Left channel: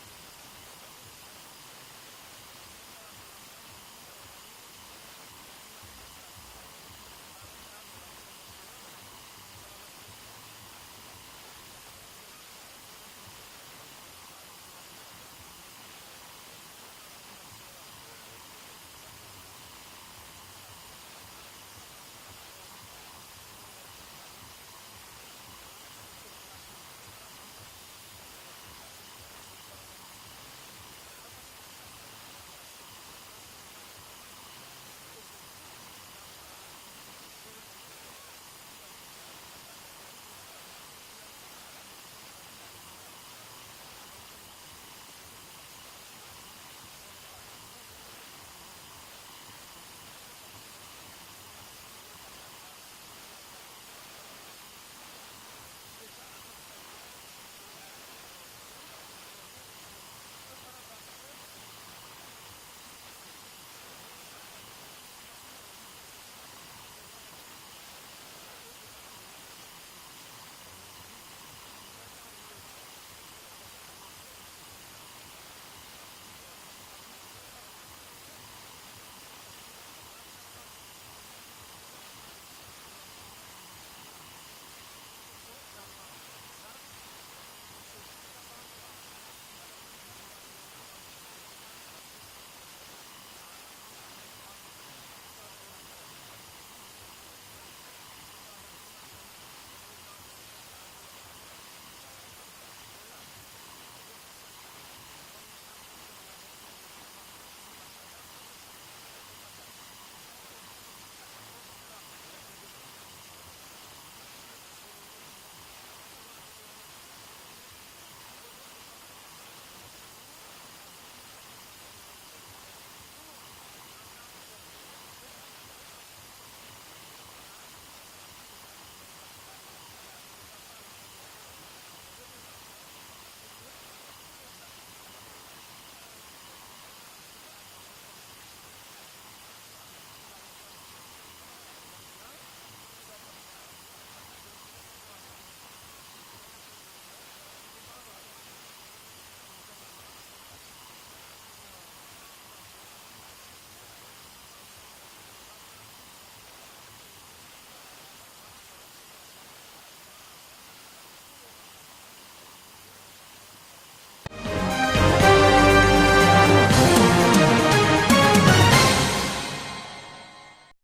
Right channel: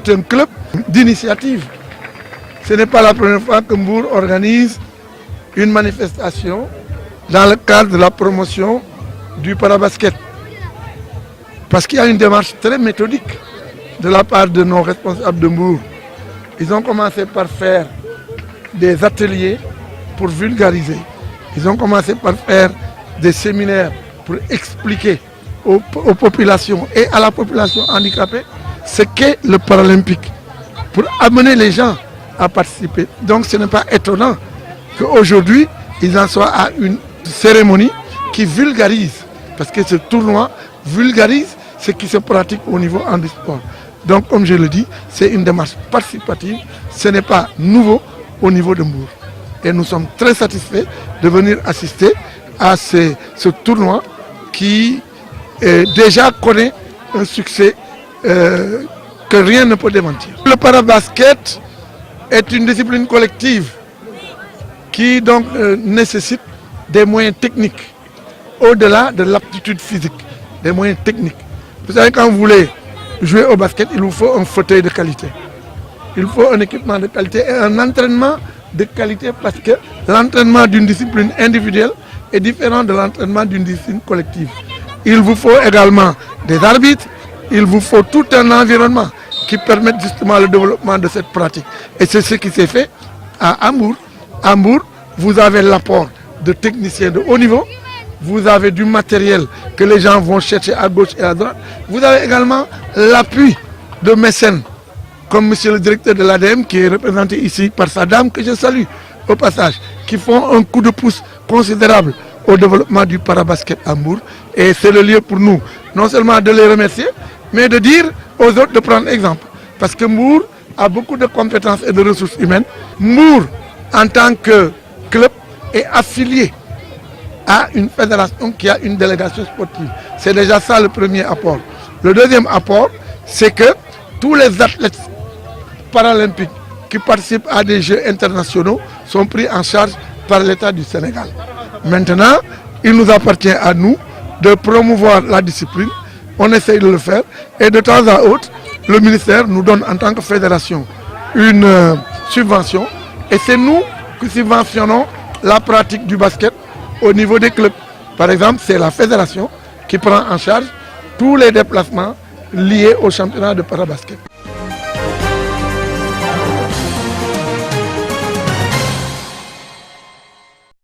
est un club d'initiative. Ce n'est pas la première fois que Mbour organise une manifestation dans le cadre de la promotion du parabasket. Parce qu'il y a une démarche très méthodique de la part de nos responsables de Mbour. Ils ont commencé par faire des ateliers pour vulgariser. Ils ont commencé par faire des séminaires pour expliquer aux populations et à la population handicapée ce qu'est le paralympique, pour amener les gens à participer. Donc ce n'est pas étonnant qu'aujourd'hui, ils en soient à une cérémonie qui vulgarise, parce que ce tournoi vulgarise ce qui se pratique au niveau handisport. Donc comme je le dis, c'est une démarche participative, ce n'est pas nouveau au niveau de Mbour. Et nous sommes très satisfaits de venir assister à ce tournoi qui déjà connaît un succès que rien ne peut démentir. Le parabasket est une discipline collective qui donc nécessite des moyens techniques, au-delà de l'aptitude physique, des moyens techniques. Vous savez, quand vous voulez jouer au basket, il vous faut un fauteuil de qualité. Il faut un équipement de qualité et un entraînement de qualité, parce que l'entraînement d'une discipline individuelle est différent de l'entraînement d'une discipline collective. Il vous faut également des arbitres, il vous faut tout un environnement qui permette justement le développement de cette pratique. Et c'est ce qui s'est fait à Mbour. À Mbour, vous avez l'apport de techniciens de haut niveau, vous avez du matériel que les gens vont chercher à gauche et à droite, vous avez également l'appui de mécènes, comme monsieur le directeur de l'ADM qui est représenté ici par sa dame, que je salue au passage, qui font un coup de pouce considérable au développement du parabasket à Mbour. Et c'est le lieu pour nous, non seulement de les remercier, mais de dire aux autres de prendre exemple. Parce que Mbour a beaucoup de compétences et de ressources humaines. Mbour, en tant que club, est affilié à une fédération qui a une délégation sportive. C'est déjà ça le premier apport. Le deuxième apport, c'est que tous les athlètes paralympiques qui participent à des Jeux internationaux sont pris en charge par l'État du Sénégal. Maintenant, il nous appartient à nous de promouvoir la discipline. On essaye de le faire et de temps à autre, le ministère nous donne en tant que fédération une subvention et c'est nous qui subventionnons la pratique du basket au niveau des clubs. Par exemple, c'est la fédération qui prend en charge tous les déplacements liés au championnat de parabasket.